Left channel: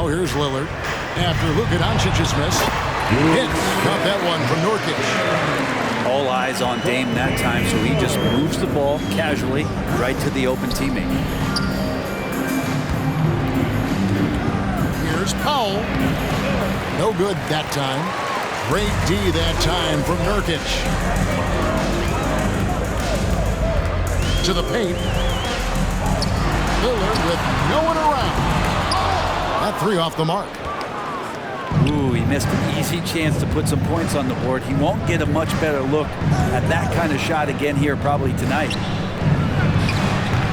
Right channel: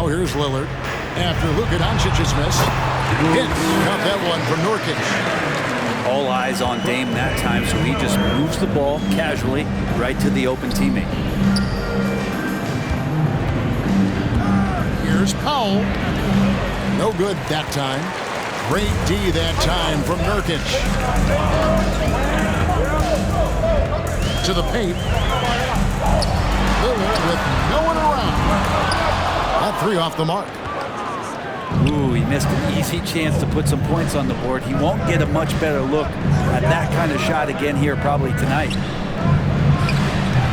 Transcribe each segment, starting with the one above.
Now here's Lillard. After Luka Doncic's miss. Hits. Caught that one from Nurkic. All eyes on Dame that time, so he just moves the ball casually right to the open teammate. Here's Powell. No good that time. Great D that time from Nurkic. To the paint. Lillard with no one around. That three off the mark. Ooh, he missed an easy chance to put some points on the board. He won't get a much better look at that kind of shot again here probably tonight.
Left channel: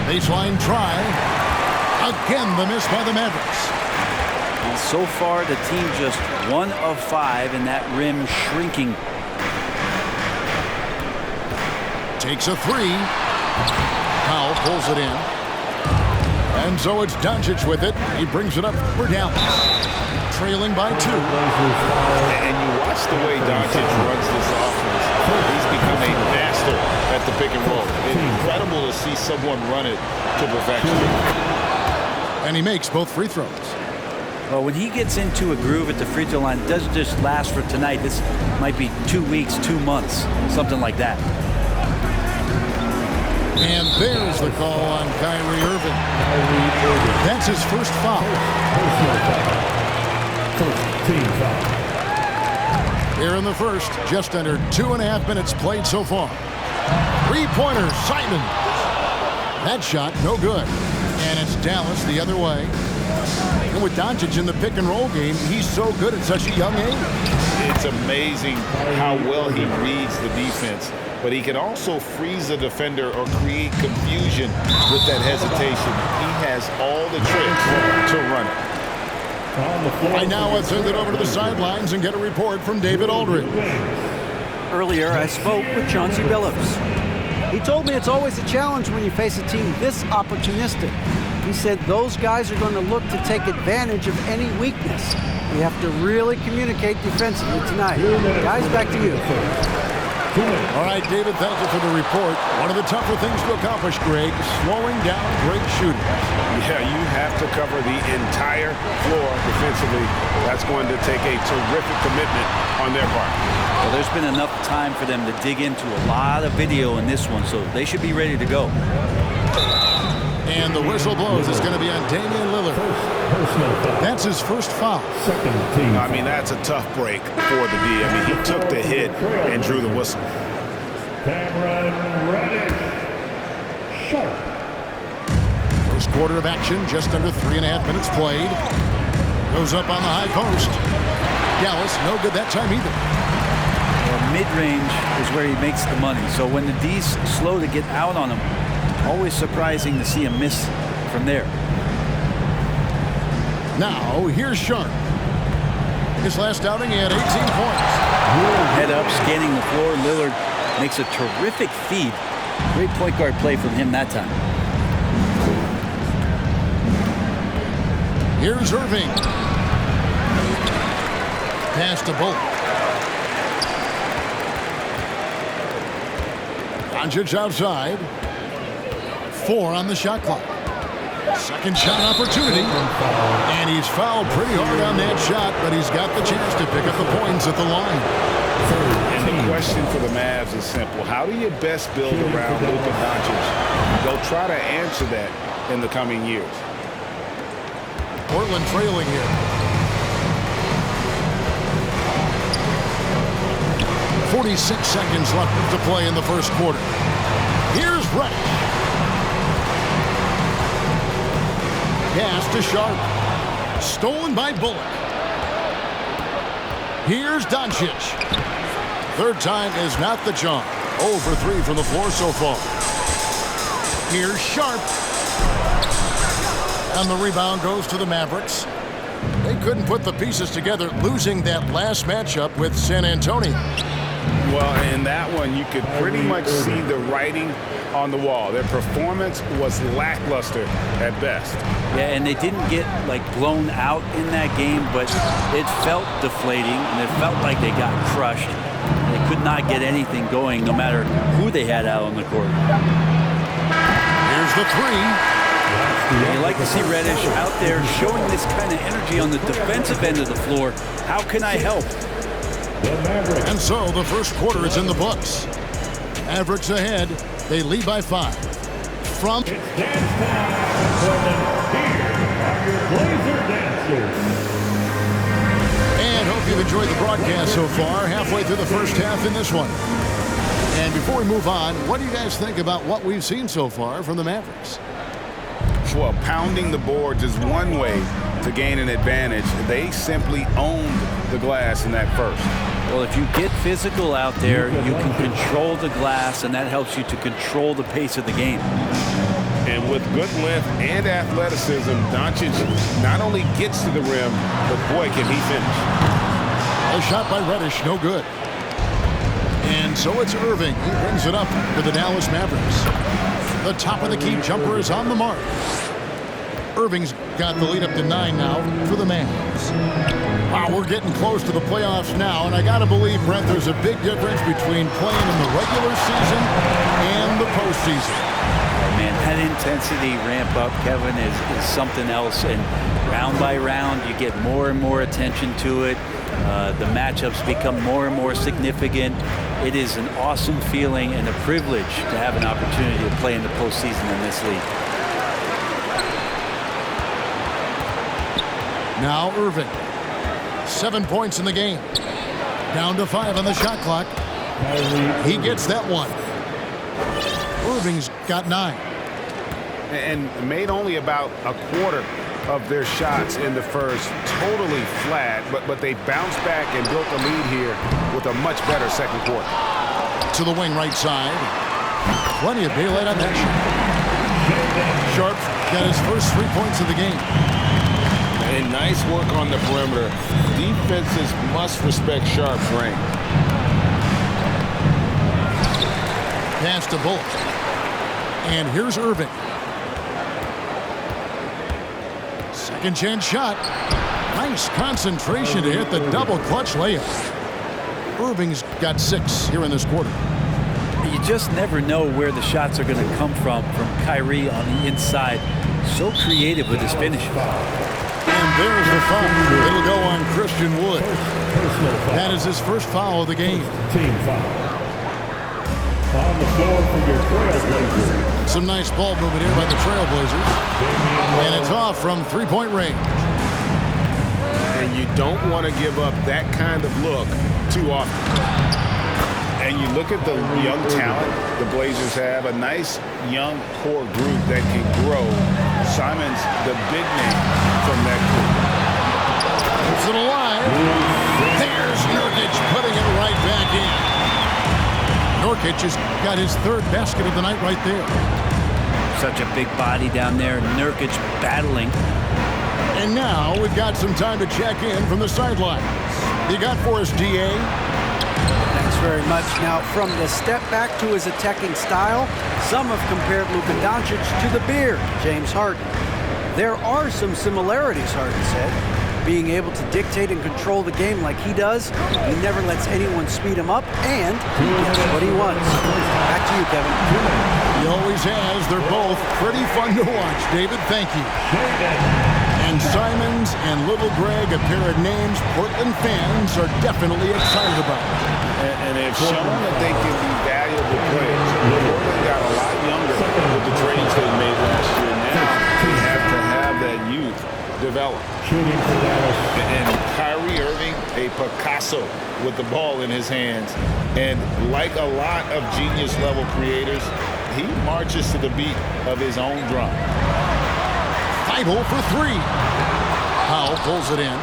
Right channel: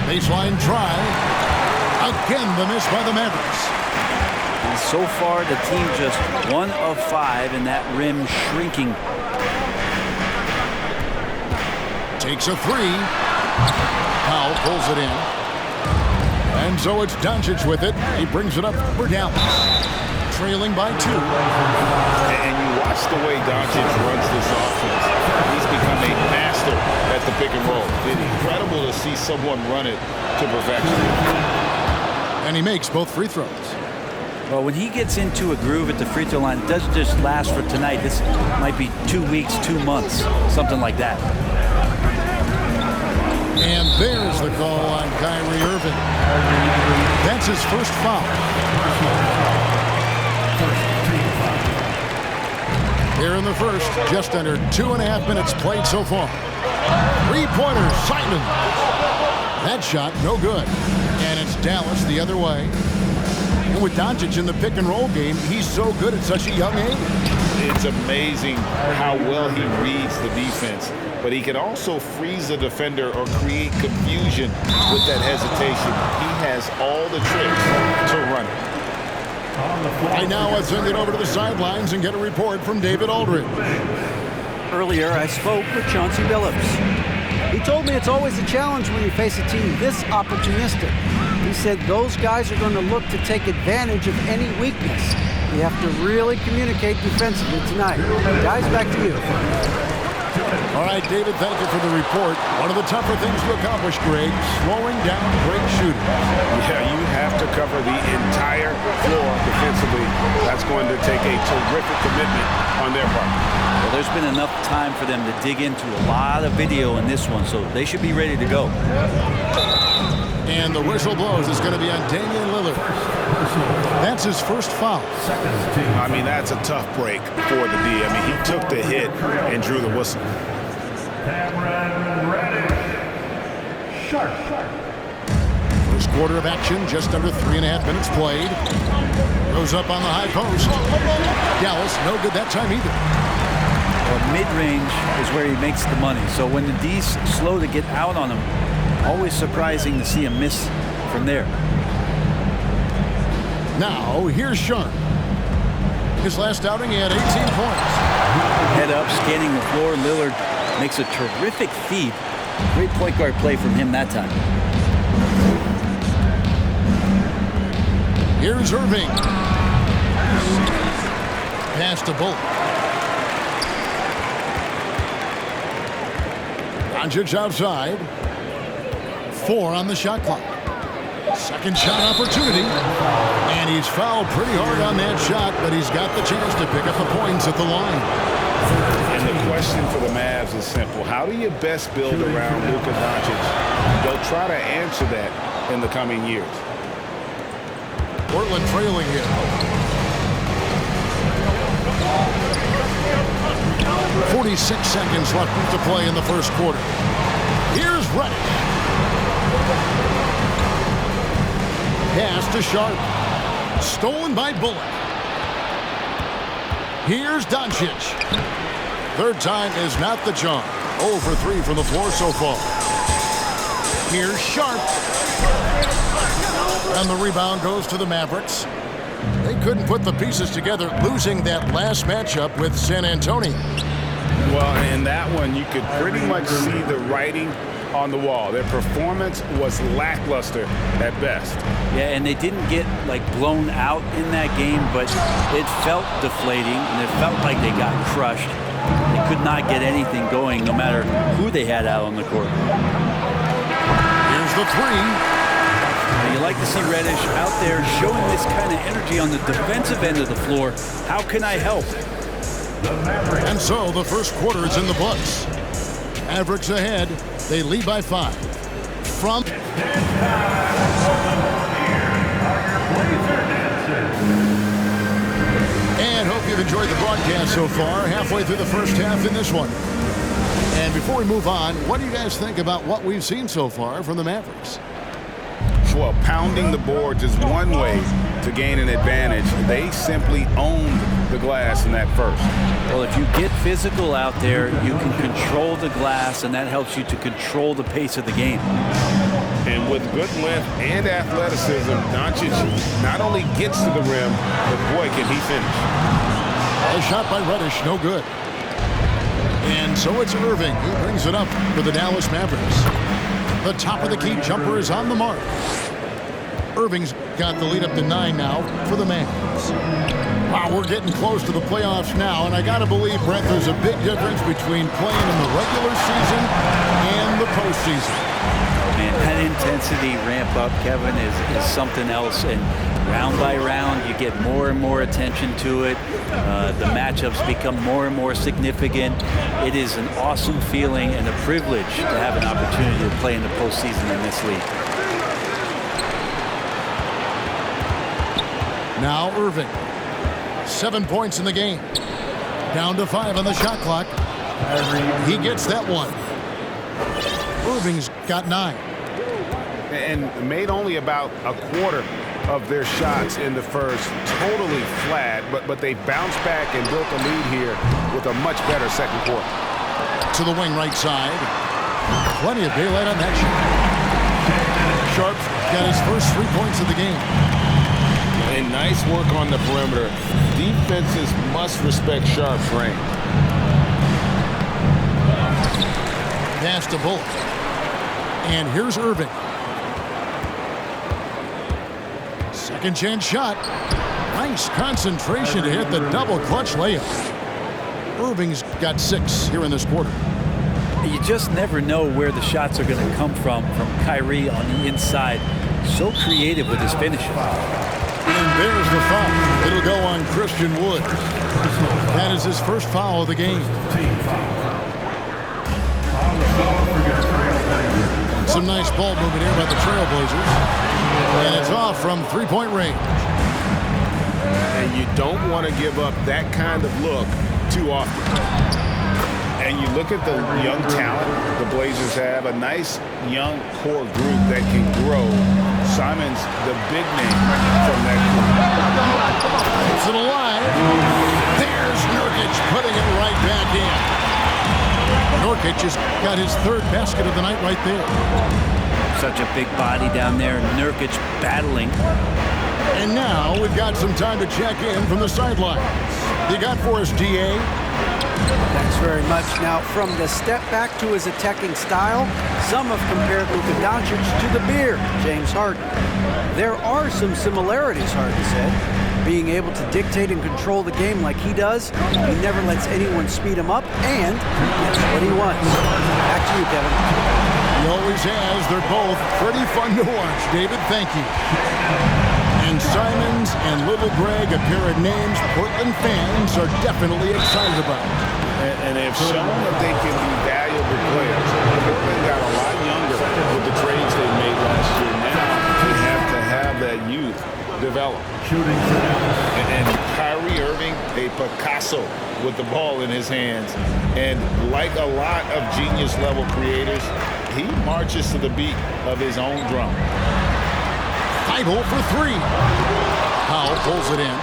Baseline try. Again, the miss by the Mavericks. And so far, the team just 1 of 5 in that rim shrinking. Takes a three. Powell pulls it in. And so it's Doncic with it. He brings it up for Dallas. Trailing by 2. And you watch the way Doncic runs this offense. He's become a master at the pick and roll. It's incredible to see someone run it to perfection. And he makes both free throws. Well, when he gets into a groove at the free throw line, it doesn't just last for tonight. This might be 2 weeks, 2 months, something like that. And there's the call on Kyrie Irving. That's his first foul. Here in the first, just under 2.5 minutes played so far. Three-pointer, Simon. That shot, no good. And it's Dallas the other way. And with Doncic in the pick and roll game, he's so good at such a young age. It's amazing how well he reads the defense, but he can also freeze a defender or create confusion with that hesitation. He has all the tricks to run it. Right now, let's send it over to the sidelines and get a report from David Aldridge. Earlier, I spoke with Chauncey Billups. He told me it's always a challenge when you face a team this opportunistic. He said those guys are going to look to take advantage of any weakness. We have to really communicate defensively tonight. Guys, back to you. All right, David, thank you for the report. One of the tougher things to accomplish, Greg, slowing down great shooters. Yeah, you have to cover the entire floor defensively. That's going to take a terrific commitment on their part. Well, there's been enough time for them to dig into a lot of video in this one, so they should be ready to go. And the whistle blows. It's going to be on Damian Lillard. That's his first foul. I mean, that's a tough break for the D. I mean, he took the hit and drew the whistle. First quarter of action, just under 3.5 minutes played. Goes up on the high post. Dallas, no good that time either. Well, mid-range is where he makes the money. So when the D's slow to get out on him, always surprising to see him miss from there. Now, here's Sharp. His last outing, he had 18 points. Head up, scanning the floor. Lillard makes a terrific feed. Great point guard play from him that time. Here's Irving. Pass to Bullock. Doncic outside. 4 on the shot clock. Second shot opportunity. And he's fouled pretty hard on that shot, but he's got the chance to pick up the points at the line. And the question for the Mavs is simple. How do you best build around Luka Doncic? They'll try to answer that in the coming years. Portland trailing here. 46 seconds left to play in the first quarter. Here's Reddish. Pass to Sharp. Stolen by Bullock. Here's Doncic. Third time is not the charm. 0 for 3 from the floor so far. Here's Sharp. And the rebound goes to the Mavericks. They couldn't put the pieces together, losing that last matchup with San Antonio. Well, in that one, you could pretty much see the writing on the wall. Their performance was lackluster at best. Yeah, and they didn't get blown out in that game, but it felt deflating and it felt like they got crushed. They could not get anything going no matter who they had out on the court. Here's the three. You like to see Reddish out there showing this kind of energy on the defensive end of the floor. How can I help? And so the first quarter is in the books. Mavericks ahead. They lead by 5. From and hope you've enjoyed the broadcast so far. Halfway through the first half in this one. And before we move on, what do you guys think about what we've seen so far from the Mavericks? Well, pounding the boards is one way to gain an advantage. They simply owned the glass in that first. Well, if you get physical out there, you can control the glass, and that helps you to control the pace of the game. And with good length and athleticism, Doncic not only gets to the rim, but boy, can he finish. A shot by Reddish, no good. And so it's Irving. He brings it up for the Dallas Mavericks. The top of the key jumper is on the mark. Irving's got the lead up to 9 now for the Mavs. Wow, we're getting close to the playoffs now, and I got to believe, Brent, there's a big difference between playing in the regular season and the postseason. Oh, man, that intensity ramp up, Kevin, is something else, and round by round, you get more and more attention to it. The matchups become more and more significant. It is an awesome feeling and a privilege to have an opportunity to play in the postseason in this league. Now Irving. 7 points in the game. Down to 5 on the shot clock. He gets that one. Irving's got 9. And made only about a quarter of their shots in the first. Totally flat, but they bounced back and built a lead here with a much better second quarter. To the wing right side. Plenty of daylight on that shot. Sharp got his first 3 points of the game. And nice work on the perimeter. Defenses must respect Sharp's range. Pass to Bullock. And here's Irving. Second chance shot. Nice concentration to hit the double clutch layup. Irving's got 6 here in this quarter. You just never know where the shots are going to come from Kyrie on the inside. So creative with his finishing. And there's the foul. It'll go on Christian Wood. That is his first foul of the game. Team foul. On the floor for your Trailblazers. Some nice ball movement here by the Trailblazers. And it's off from three-point range. And you don't want to give up that kind of look too often. And you look at the young talent the Blazers have, a nice young core group that can grow. Simon's the big name from that group. It's it alive. There's Nurkic putting it right back in. Nurkic has got his 3rd basket of the night right there. Such a big body down there. Nurkic battling. And now we've got some time to check in from the sidelines. You got for us, DA? Thanks very much. Now, from the step back to his attacking style, some have compared Luka Doncic to the Beard, James Harden. There are some similarities, Harden said. Being able to dictate and control the game like he does, he never lets anyone speed him up, and he gets what he wants. Back to you, Kevin. He always has. They're both pretty fun to watch, David. Thank you. And Simons and Little Greg, a pair of names Portland fans are definitely excited about. And they've shown that they can be valuable players. Portland got a lot younger with the trades they made last year. Now they have to have that youth develop. And Kyrie Irving, a Picasso with the ball in his hands. And like a lot of genius-level creators, he marches to the beat of his own drum. Thibault for 3. Powell pulls it in.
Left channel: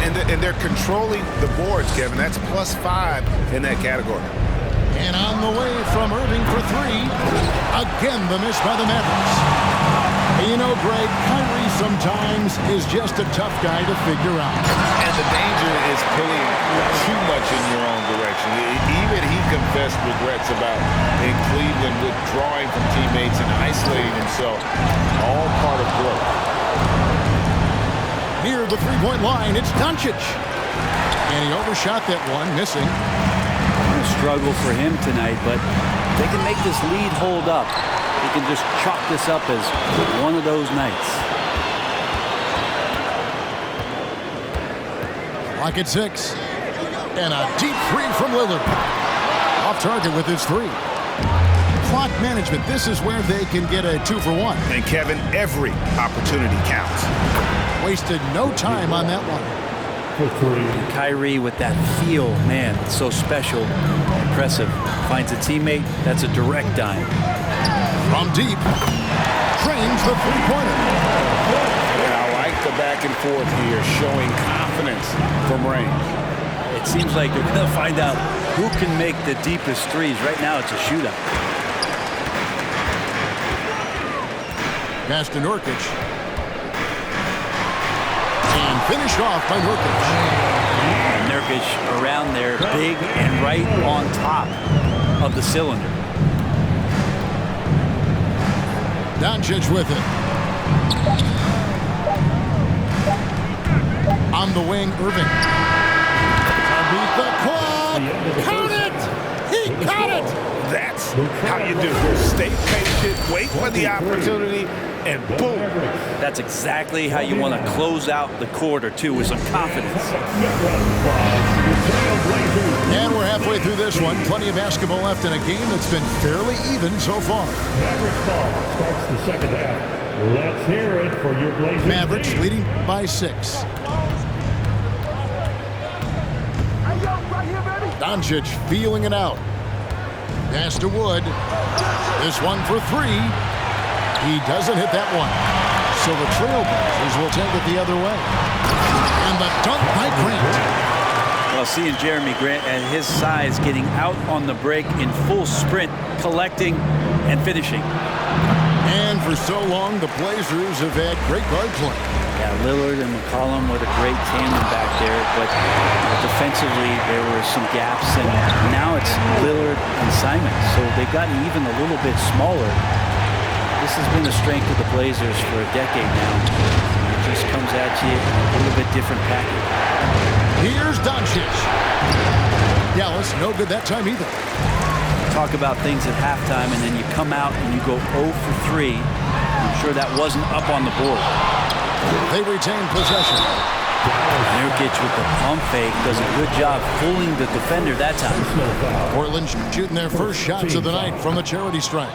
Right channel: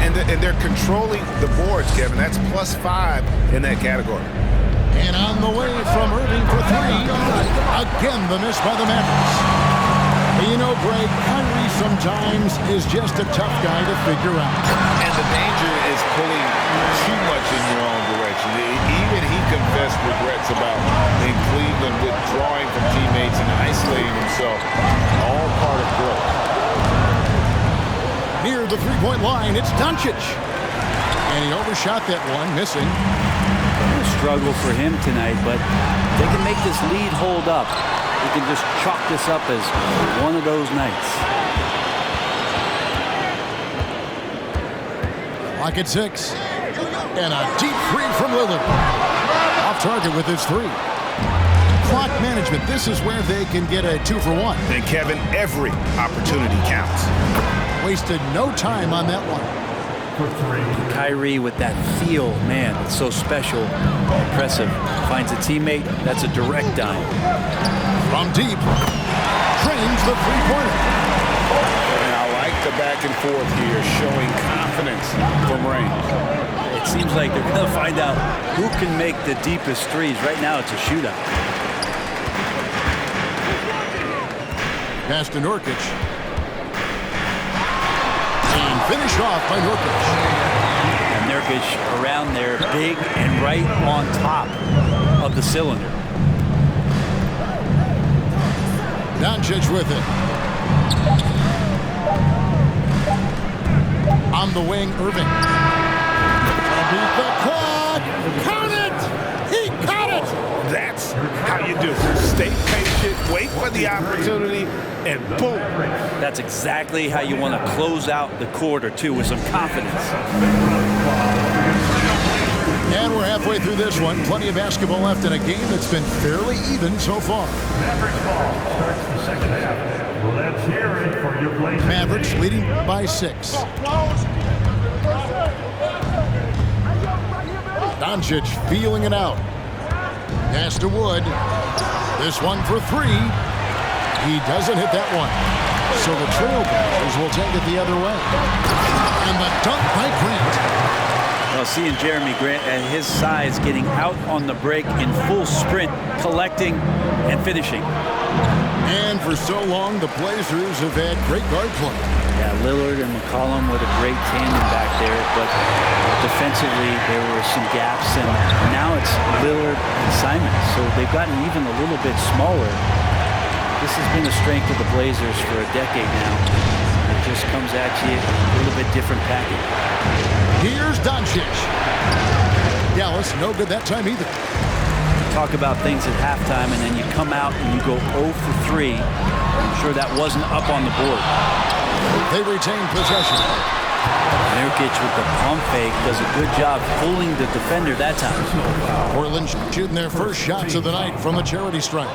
And they're controlling the boards, Kevin. That's +5 in that category. And on the way from Irving for 3. Again, the miss by the Mavericks. And you know, Greg, Kyrie sometimes is just a tough guy to figure out. And the danger is pulling too much in your own direction. Even he confessed regrets about in Cleveland withdrawing from teammates and isolating himself. All part of growth. Near the three-point line, it's Doncic. And he overshot that one, missing. A struggle for him tonight, but they can make this lead hold up. he can just chalk this up as one of those nights. Clock at 6. And a deep three from Lillard. Off target with his 3. Clock management. This is where they can get a 2-for-1. And Kevin, every opportunity counts. Wasted no time on that one. For 3. And Kyrie with that feel, man, it's so special, impressive. Finds a teammate, that's a direct dime. From deep, trains the three-pointer. And I like the back and forth here, showing confidence from range. It seems like they're going to find out who can make the deepest threes. Right now, it's a shootout. Pass to Nurkic. And finished off by Nurkic. And Nurkic around there, big and right on top of the cylinder. Doncic with it. On the wing, Irving. Beat the quad. Count it. He caught it. That's how you do it. Stay patient, wait for the opportunity, and boom. That's exactly how you want to close out the quarter, too, with some confidence. And we're halfway through this one. Plenty of basketball left in a game that's been fairly even so far. Mavericks ball starts the second half. Let's hear it for your Blazers. Mavericks leading by 6. Doncic feeling it out. Pass to Wood. This one for 3. He doesn't hit that one. So the Trailblazers will take it the other way. And the dunk by Grant. Well, seeing Jeremy Grant at his size getting out on the break in full sprint, collecting and finishing. And for so long, the Blazers have had great guard play. Yeah, Lillard and McCollum with a great tandem back there, but defensively there were some gaps, and now it's Lillard and Simon, so they've gotten even a little bit smaller. This has been the strength of the Blazers for a decade now. It just comes at you in a little bit different package. Here's Doncic. Dallas, no good that time either. Talk about things at halftime, and then you come out and you go 0 for 3. I'm sure that wasn't up on the board. They retain possession. Nurkic with the pump fake does a good job fooling the defender that time. Portland shooting their first shots of the night from the charity stripe.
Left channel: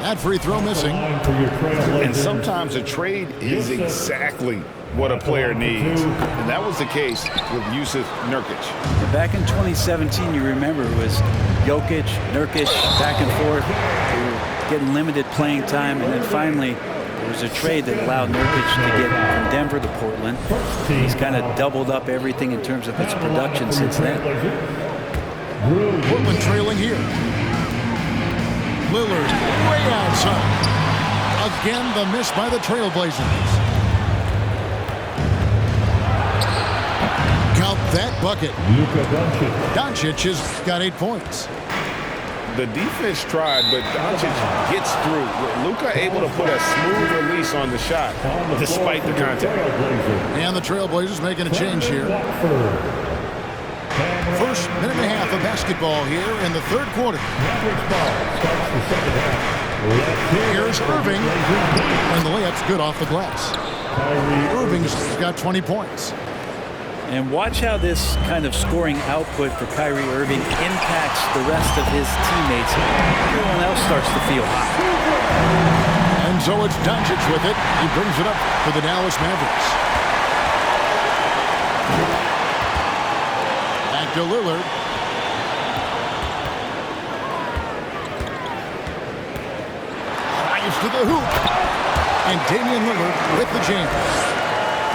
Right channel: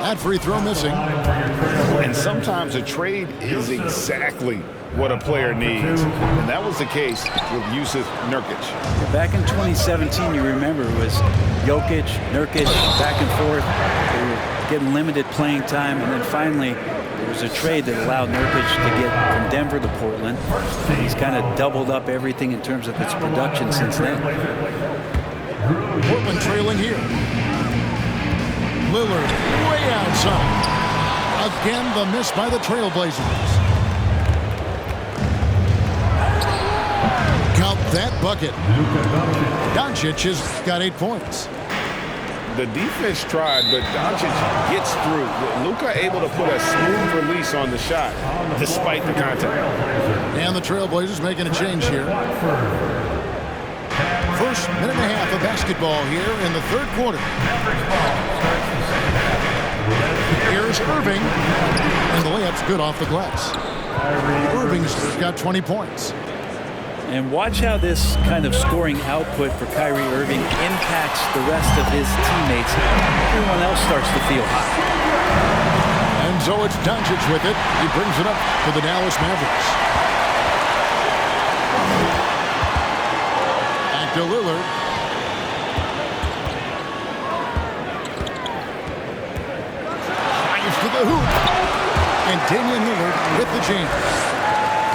That free throw missing. And sometimes a trade is exactly what a player needs. And that was the case with Jusuf Nurkic. Back in 2017, you remember, it was Jokic, Nurkic, back and forth. They were getting limited playing time, and then finally there was a trade that allowed Nurkic to get from Denver to Portland. He's kind of doubled up everything in terms of its production since then. Portland trailing here. Lillard way outside. Again, the miss by the Trailblazers. Count that bucket. Doncic has got 8 points. The defense tried, but Doncic gets through. Luka able to put a smooth release on the shot despite the contact. And the Trailblazers making a change here. First minute and a half of basketball here in the third quarter. Here's Irving, and the layup's good off the glass. Irving's got 20 points. And watch how this kind of scoring output for Kyrie Irving impacts the rest of his teammates. Everyone else starts to feel hot. And so it's Doncic with it. He brings it up for the Dallas Mavericks. Back to Lillard. Drives to the hoop. And Damian Lillard with the jam.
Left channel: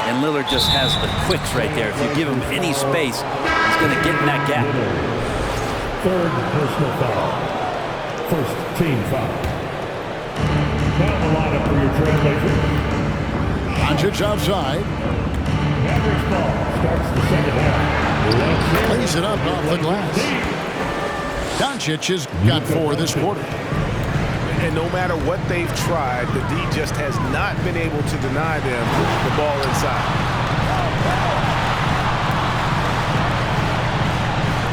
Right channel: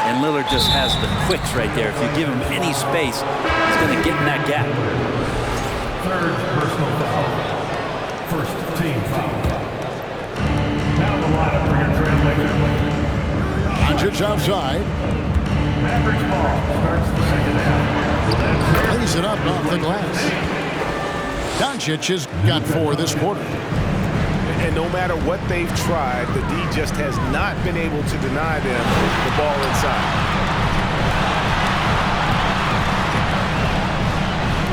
And Lillard just has the quicks right there. If you give him any space, he's going to get in that gap. Third personal foul. First team foul. Now the lineup for your Trailblazers. Doncic outside. Mavericks ball starts the second half. Plays it up off the glass. Doncic has got 4 this quarter. And no matter what they've tried, the D just has not been able to deny them the ball inside.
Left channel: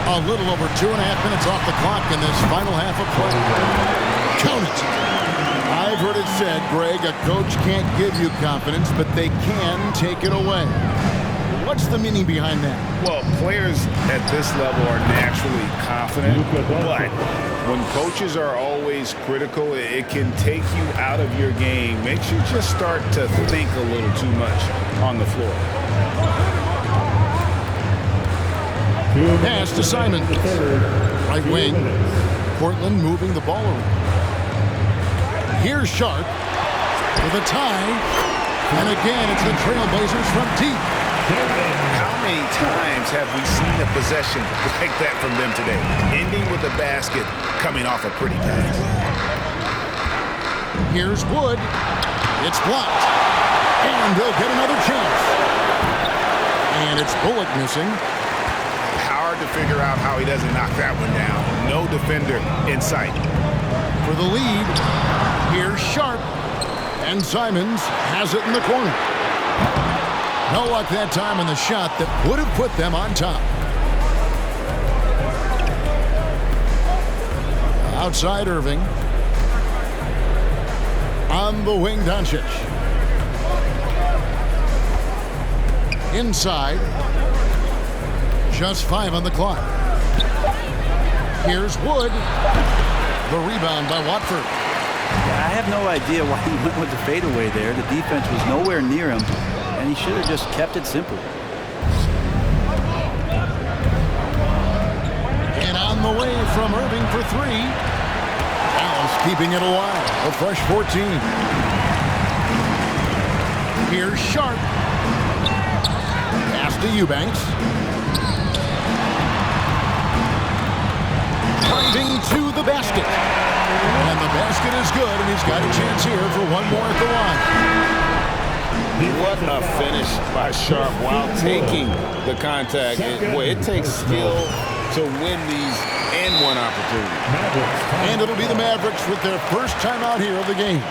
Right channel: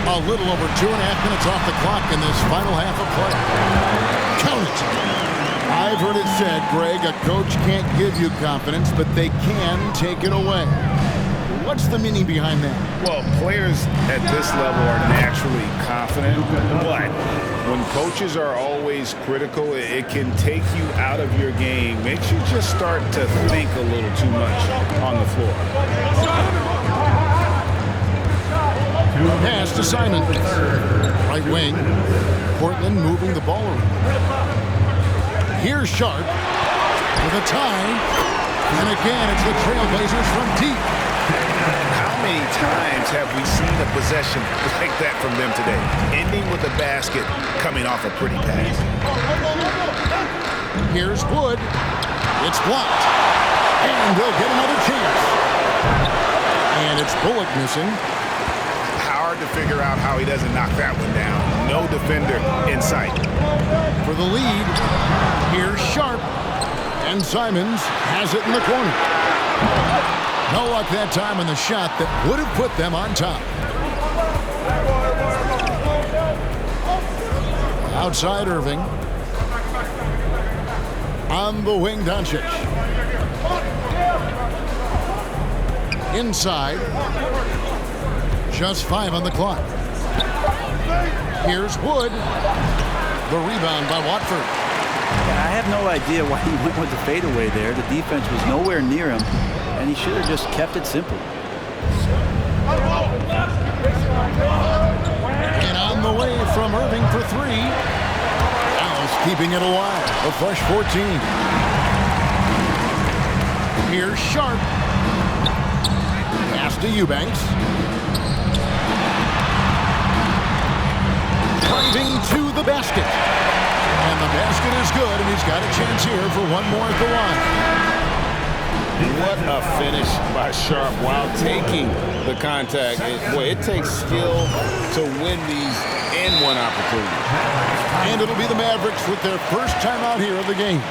A little over 2.5 minutes off the clock in this final half of play. Count it. I've heard it said, Greg, a coach can't give you confidence, but they can take it away. What's the meaning behind that? Well, players at this level are naturally confident, but when coaches are always critical, it can take you out of your game. Makes you just start to think a little too much on the floor. Pass to Simon. Right wing. Portland moving the ball around. Here's Sharp with a tie. And again, it's the Trailblazers from deep. How many times have we seen a possession like that from them today? Ending with a basket, coming off a pretty pass. Here's Wood. It's blocked. And they'll get another chance. And it's Bullock missing. Hard to figure out how he doesn't knock that one down. No defender in sight. For the lead, here's Sharp. And Simons has it in the corner. No luck that time on the shot that would have put them on top. Outside Irving. On the wing, Doncic. Inside. Just 5 on the clock. Here's Wood. The rebound by Watford. Yeah, I have no idea why he went with the fadeaway there. The defense was nowhere near him, and he should have just kept it simple. And on the way from Irving for 3. Dallas keeping it alive. A fresh 14. Here's Sharp. Pass to Eubanks. Driving to the basket. And the basket is good, and he's got a chance here for one more at the line. What a finish by Sharp while taking the contact. It takes skill to win these and one opportunity. And it'll be the Mavericks with their first time out here of the game.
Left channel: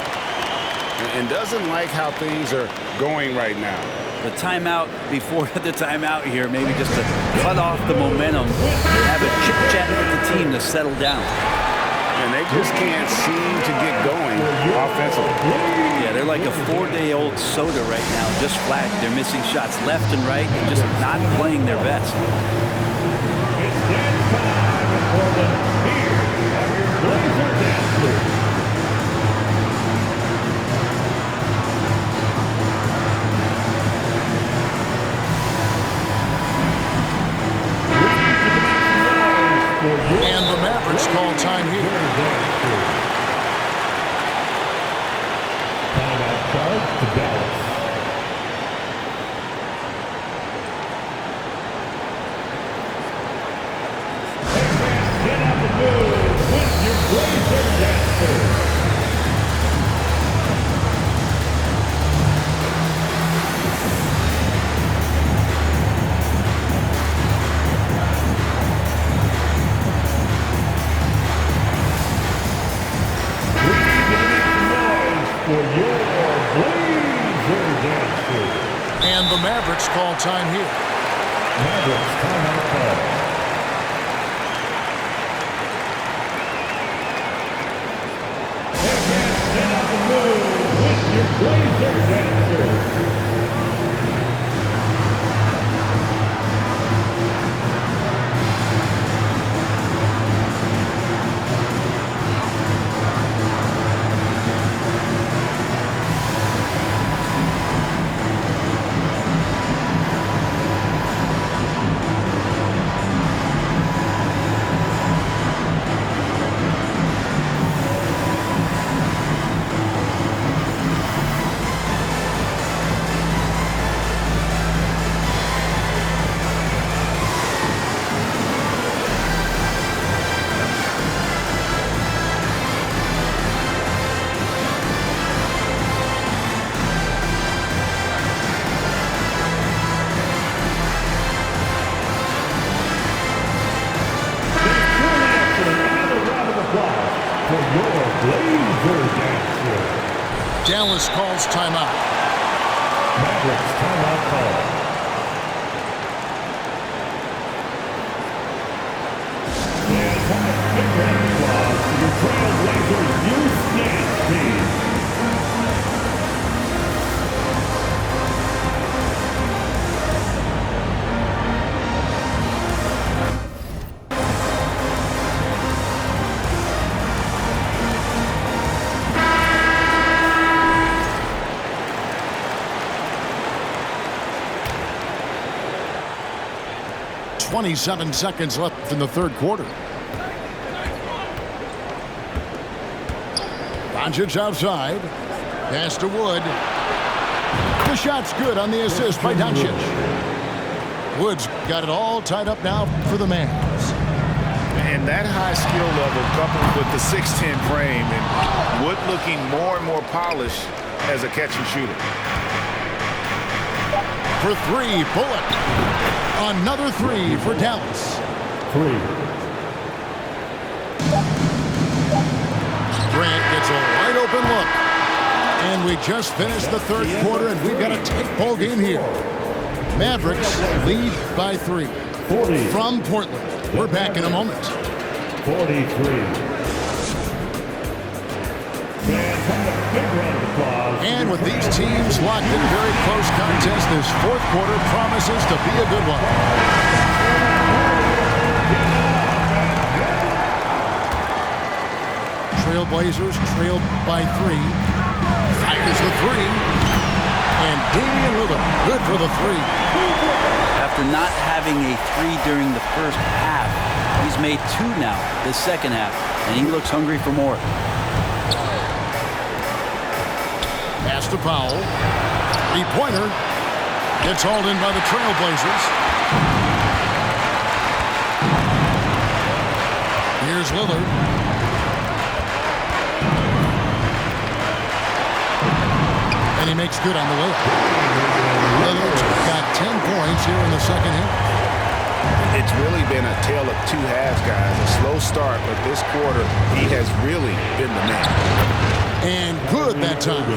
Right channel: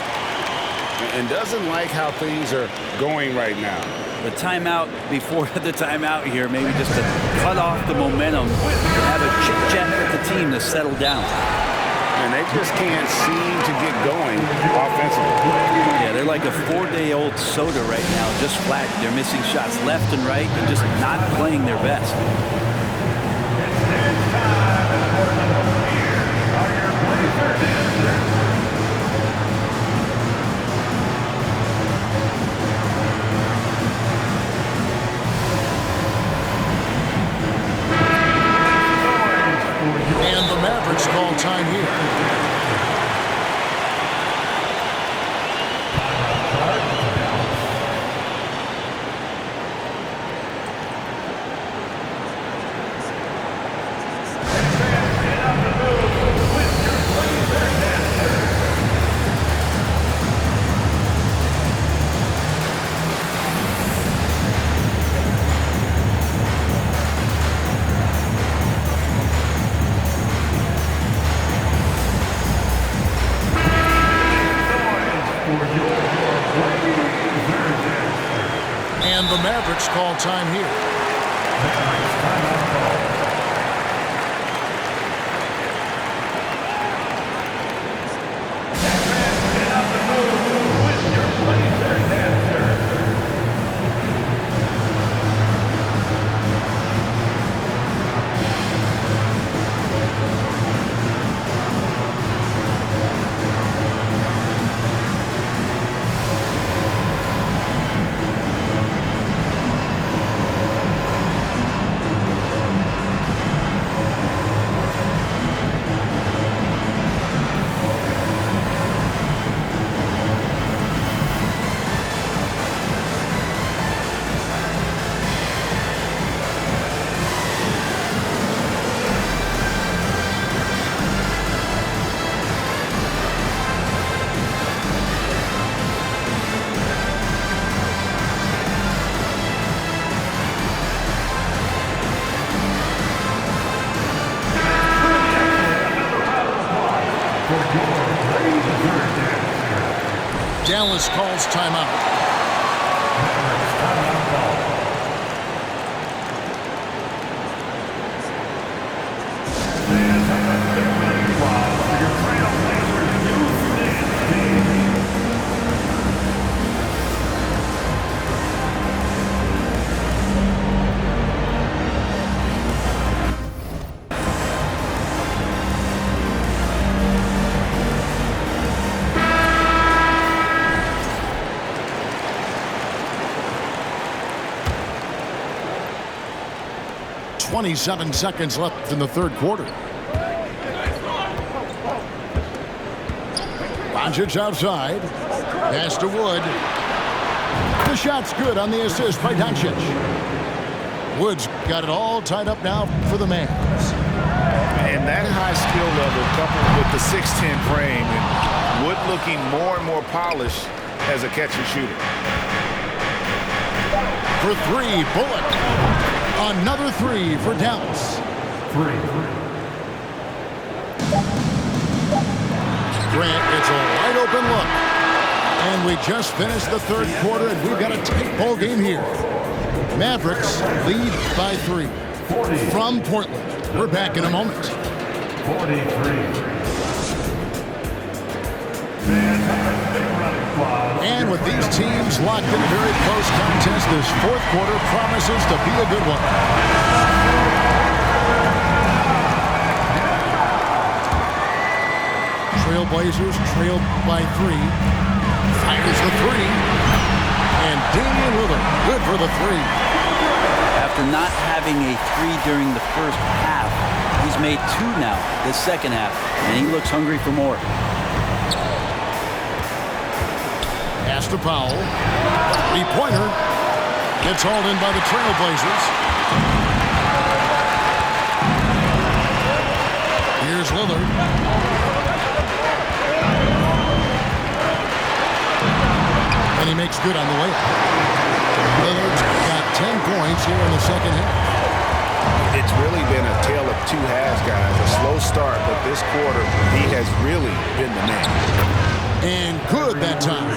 And doesn't like how things are going right now. The timeout before the timeout here, maybe just to cut off the momentum and have a chit-chat with the team to settle down. And they just can't seem to get going offensively. Yeah, they're like a 4-day-old soda right now, just flat. They're missing shots left and right and just not playing their best. And the Mavericks call time here. And the Mavericks call time here. Mavericks timeout call. Get out the middle with your Blazer dancer. Dallas calls timeout. Mavericks timeout call. The entire big run squad, your trailblazers, you stand speed. 27 seconds left in the third quarter. Doncic outside. Pass to Wood. The shot's good on the assist by Doncic. Wood's got it all tied up now for the Mavs. And that high skill level coupled with the 6'10 frame and Wood looking more and more polished as a catch and shooter. For three, Bullock. Another three for Dallas. 3. Grant gets a wide open look. And we just finished the third quarter, and we've got a tight ball game here. Mavericks lead by 3 40. from Portland. We're back in a moment. 43. Fans, a big round of applause. And with these teams locked in a very close contest, this fourth quarter promises to be a good one. Trailblazers trailed by 3. Fires the 3. And Damian Lillard, good for the 3. After not having a 3 during the first half, he's made 2 now the second half, and he looks hungry for more. Pass to Powell. Three-pointer. Gets hauled in by the Trailblazers. Here's Lillard. And he makes good on the way up. Lillard's got 10 points here in the second half. It's really been a tale of 2 halves, guys. A slow start, but this quarter, he has really been the man. And good that time.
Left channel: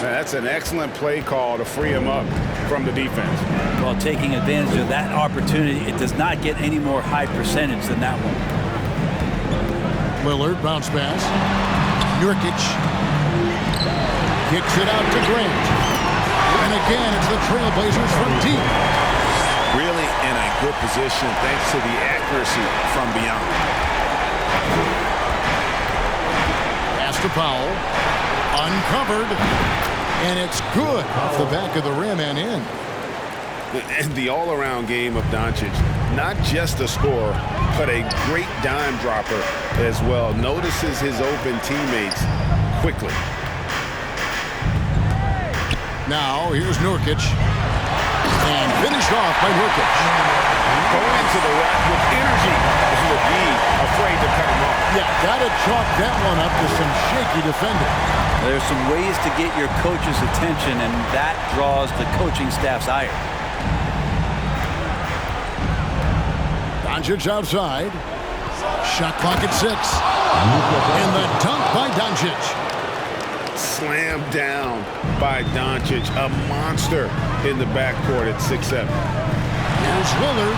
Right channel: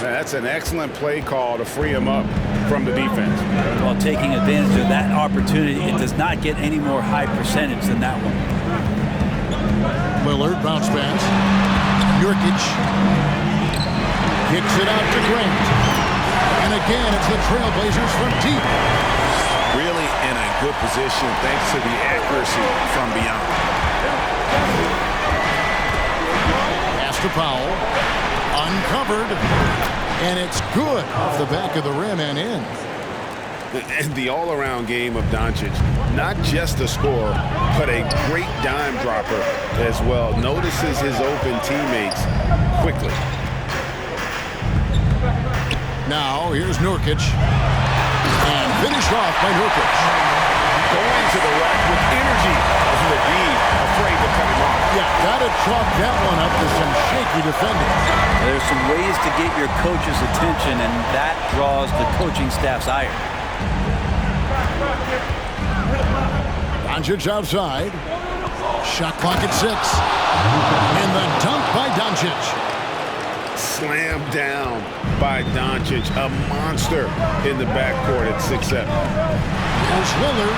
That's an excellent play call to free him up from the defense. While taking advantage of that opportunity, it does not get any more high percentage than that one. Lillard, bounce pass. Nurkic kicks it out to Grant. And again, it's the Trailblazers from deep. Really in a good position thanks to the accuracy from beyond. Pass to Powell. Uncovered. And it's good off the back of the rim and in. And the all-around game of Doncic, not just a scorer, but a great dime dropper as well. Notices his open teammates quickly. Now, here's Nurkic. And finished off by Nurkic. Going to the rack with energy. And the D afraid to cut him off. Yeah, got to chalk that one up to some shaky defending. There's some ways to get your coach's attention, and that draws the coaching staff's ire. Doncic outside. Shot clock at 6. And the dunk by Doncic. Slammed down by Doncic, a monster in the backcourt at 6'7". Here's Lillard.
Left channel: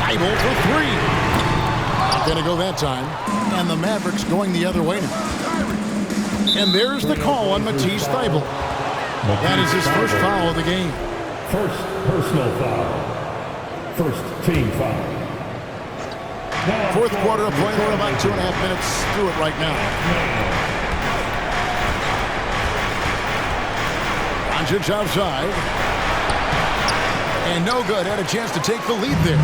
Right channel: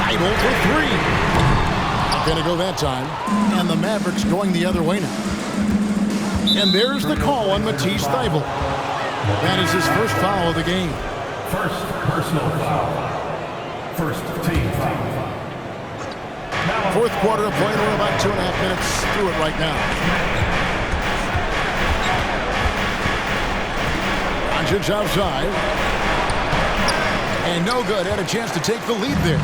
Idle for 3. Not going to go that time. And the Mavericks going the other way now. And there's the call on Matisse Thybulle. That is his first foul of the game. First personal foul. First team foul. Now Fourth quarter of play. We're about 2.5 minutes through it right now. Doncic outside. And no good. Had a chance to take the lead there.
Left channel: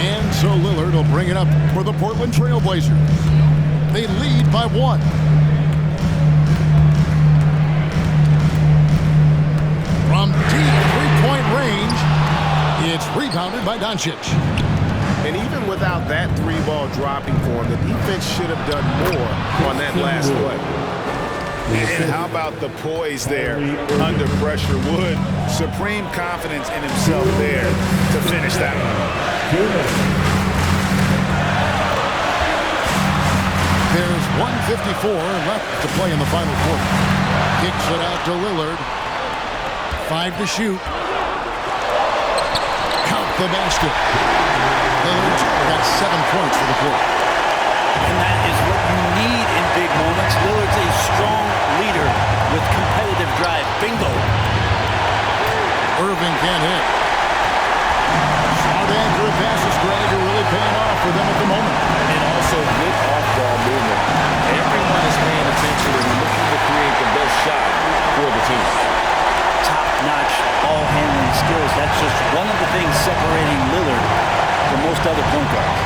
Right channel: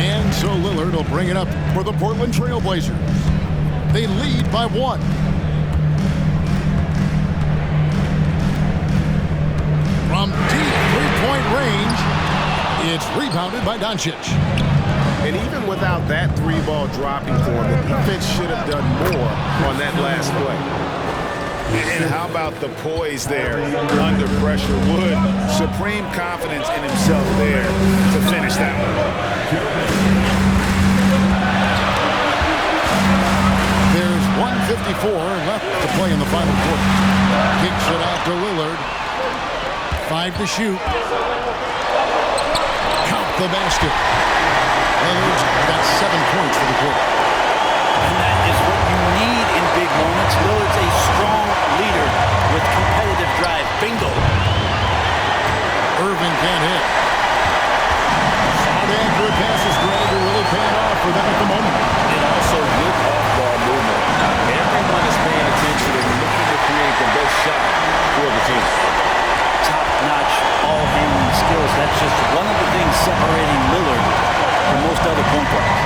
And so Lillard will bring it up for the Portland Trailblazers. They lead by 1. From deep three-point range, it's rebounded by Doncic. And even without that 3-ball dropping for him, the defense should have done more on that last play. And how about the poise there under pressure? Wood, supreme confidence in himself there to finish that one. There's 1:54 left to play in the final quarter. Kicks it out to Lillard. 5 to shoot. Count the basket. Lillard's got 7 points for the quarter. And that is what you need in big moments. Lillard's a strong leader with competitive drive. Bingo. Irving can't hit. Smart, accurate passes, Greg, are really paying off for them at the moment. And also good off-ball movement. Everyone is paying attention and looking to create the best shot for the team. Top top-notch ball handling skills. That's just one of the things separating Lillard from most other point guards.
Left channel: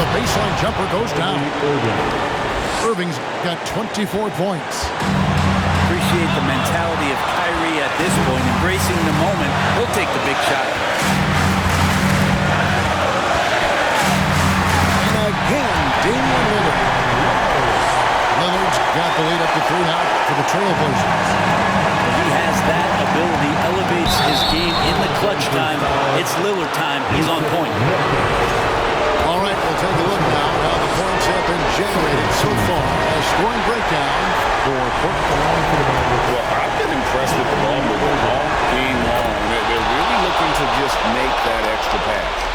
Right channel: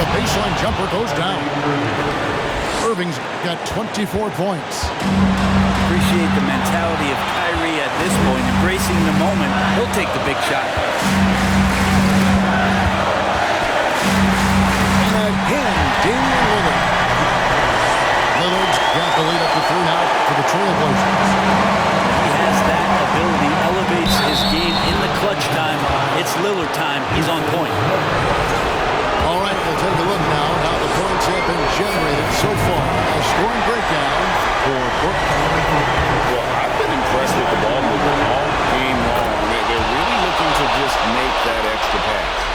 The baseline jumper goes down. Irving's got 24 points. Appreciate the mentality of Kyrie at this point, embracing the moment. He'll take the big shot. And again, Damian Lillard. Lillard's got the lead up to 3 now for the Trailblazers. He has that ability, elevates his game in the clutch time. It's Lillard time. He's on point. All right, we'll take a look now at how the points have been generated so far. A scoring breakdown for Portland. Well, I've been impressed with the ball movement all game long. They're really looking to just make that extra pass.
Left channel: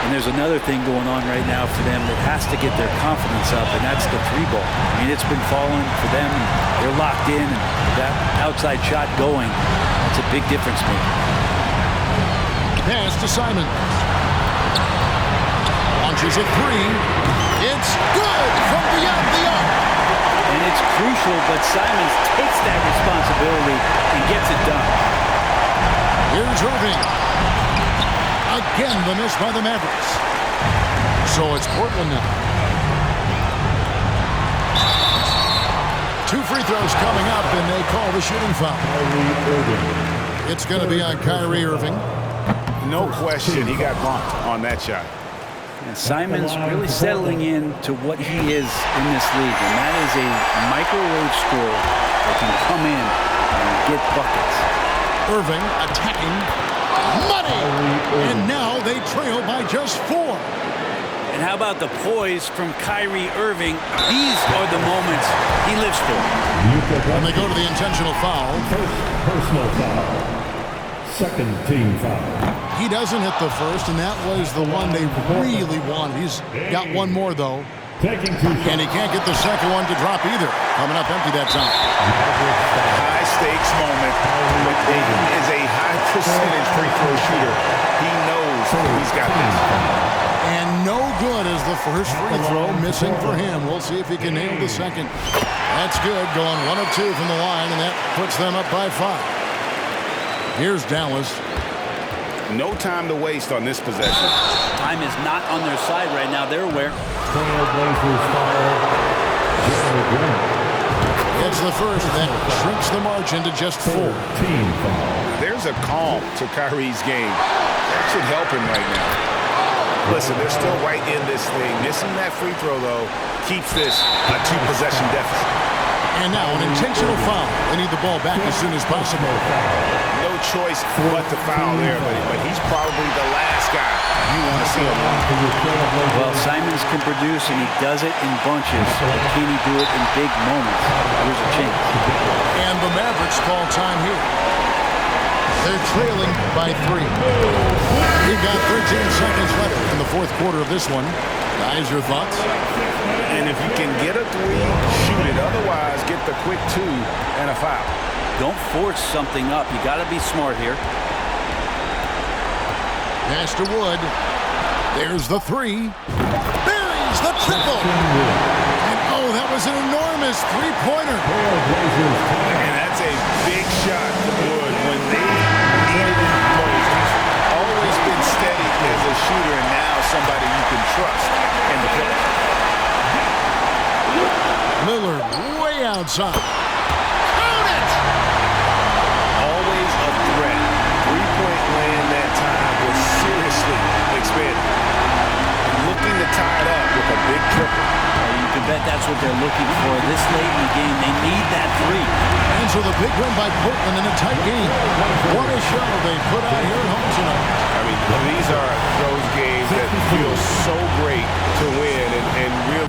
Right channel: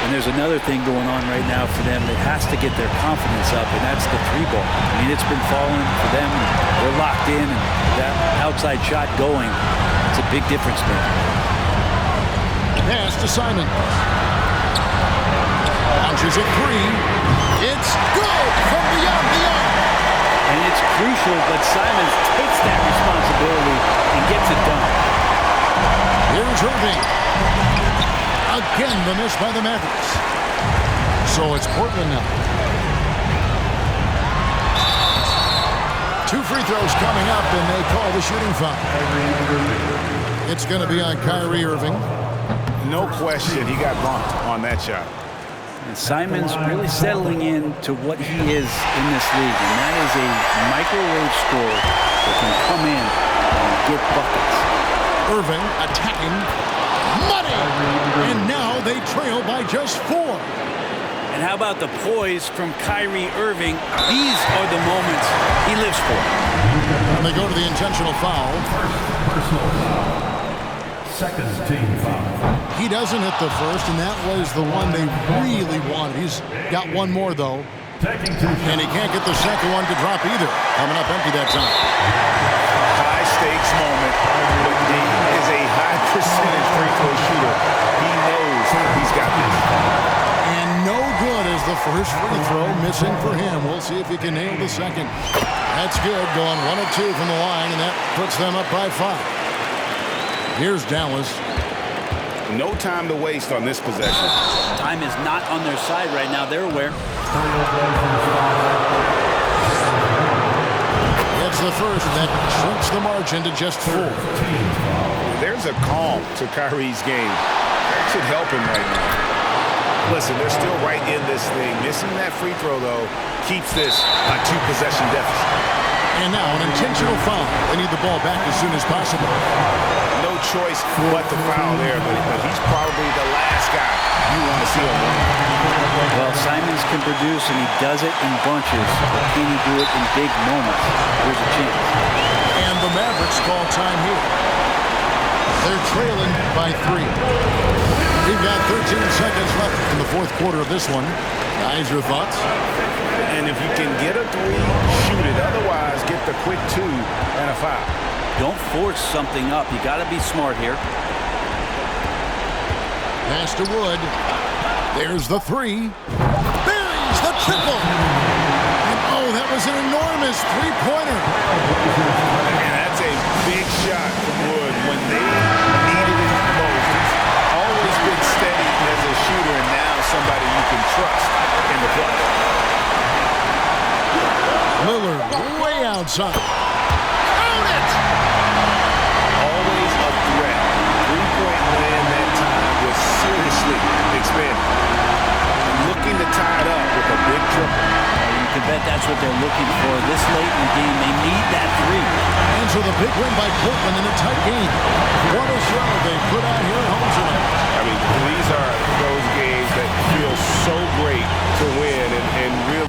And there's another thing going on right now for them that has to get their confidence up, and that's the 3-ball. I mean, it's been falling for them, and they're locked in, and that outside shot going, it's a big difference maker. Pass to Simons. Launches a 3. It's good from beyond the arc. And it's crucial, but Simons takes that responsibility and gets it done. Here's Irving. Again, the miss by the Mavericks. So it's Portland now. 2 free throws coming up, and they call the shooting foul. It's going to be on Kyrie Irving. No question, he got bumped on that shot. And Simons really settling in to what he is in this league, and that is a microwave scorer that can come in and get buckets. Irving attacking. Money! And now they trail by just 4. And how about the poise from Kyrie Irving? These are the moments he lives for. And they go to the intentional foul. First personal foul. Second team foul. He doesn't hit the first, and that was the one they really wanted. He's got one more, though. Taking 2 shots. And he can't get the second one to drop either. Coming up empty that time. High stakes moment, but Dame is a high percentage free throw shooter. He knows he's got this. And no good as the first free throw missing for him. We'll see if he can nail the second. That's good, going 1 of 2 from the line, and that puts them up by 5. Here's Dallas. No time to waste on this possession. Time is not on their side right now. They're aware. Trailblazers foul. Gets the first, and that shrinks the margin to just 4. Team foul. There's a calm to Kyrie's game. That should help him right now. Listen, they're still right in this thing. Missing that free throw, though, keeps this a 2-possession deficit. And now an intentional foul. They need the ball back as soon as possible. No choice but to foul there, but he's probably the last guy you want to see on the line. Well, Simons can produce, and he does it in bunches, but can he do it in big moments? Here's a chance. And the Mavericks call time here. They're trailing by 3. We've got 13 seconds left in the 4th quarter of this one. Guys, your thoughts? And if you can get a 3, shoot it. Otherwise, get the quick 2 and a foul. Don't force something up. You got to be smart here. Pass to Wood. There's the 3. Buries the triple. And oh, that was an enormous 3-pointer. And that's a big shot from Wood when they needed it most. He's always been steady as a shooter, and now somebody you can trust in the clutch. Lillard way outside. Count it! Always a threat. 3-point land that time was seriously expanded. Looking to tie it up with a big triple. You can bet that's what they're looking for this late in the game. They need that 3. And so the big win by Portland in a tight game. What a show they put on here at home tonight. I mean, these are those games that feel so great to win and real.